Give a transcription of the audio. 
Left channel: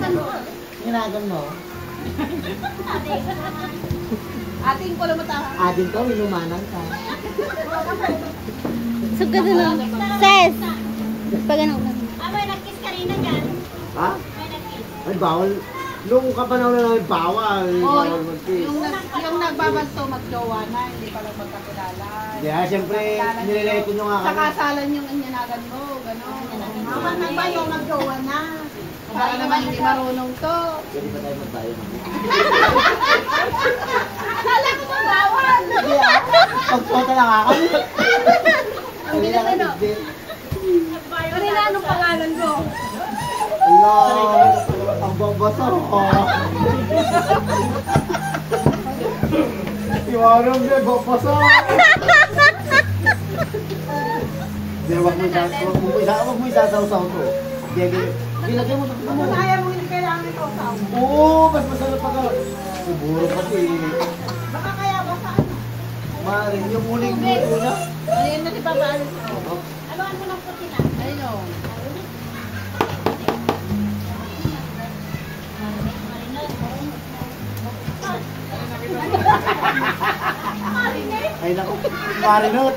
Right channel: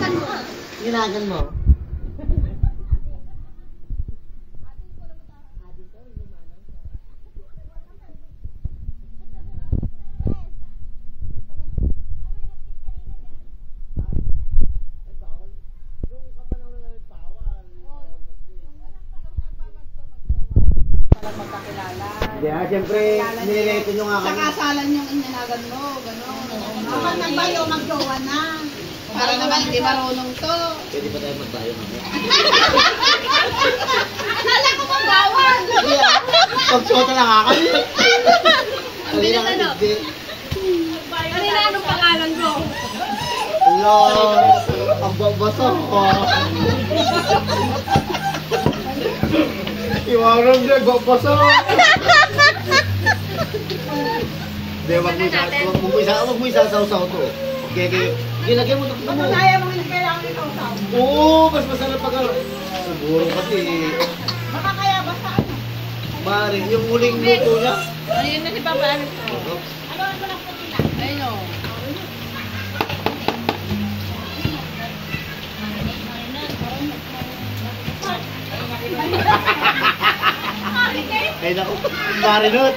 Ginagan mo. Ating ko lang mataha. Atin ko, inumanan ka. So, gano'n lang. Ses! Pag ganun ka. May nag-kiss ka rin na dyan. Ha? May nag-kiss. Ay, bawal. Nung kapanahon na namin, bawal. Oh, Bawal mag-kiss. yung nagbabanto magjowa na, hindi pala magkakilala. Kaya, siyempre, nililito nyo nga Sa kami. kasalan yung inanagan mo, gano'n. Kapag nagbayo, magjowa na. Para naman hindi marunong to. Pwede pa tayo magbayo mamaya. Akala ko magbawal. Pagsuota lang ako. Ang bilang ano? Kanina anong pangalan ko? Hello! Ang babato ko. Iwanag na, babato. Hindi, wag mo isasaw-saw to. Gilagyan mo ito mo. Kaya mo yung kailangan ito sa Oo, mas masarap pag siguro kasi. baka kaya ba sa ano? Maring, yung huling luto niya. Ayun na si Papa Alex. Aluan mo ng puti na. Ayun o. Ay naku, marinot.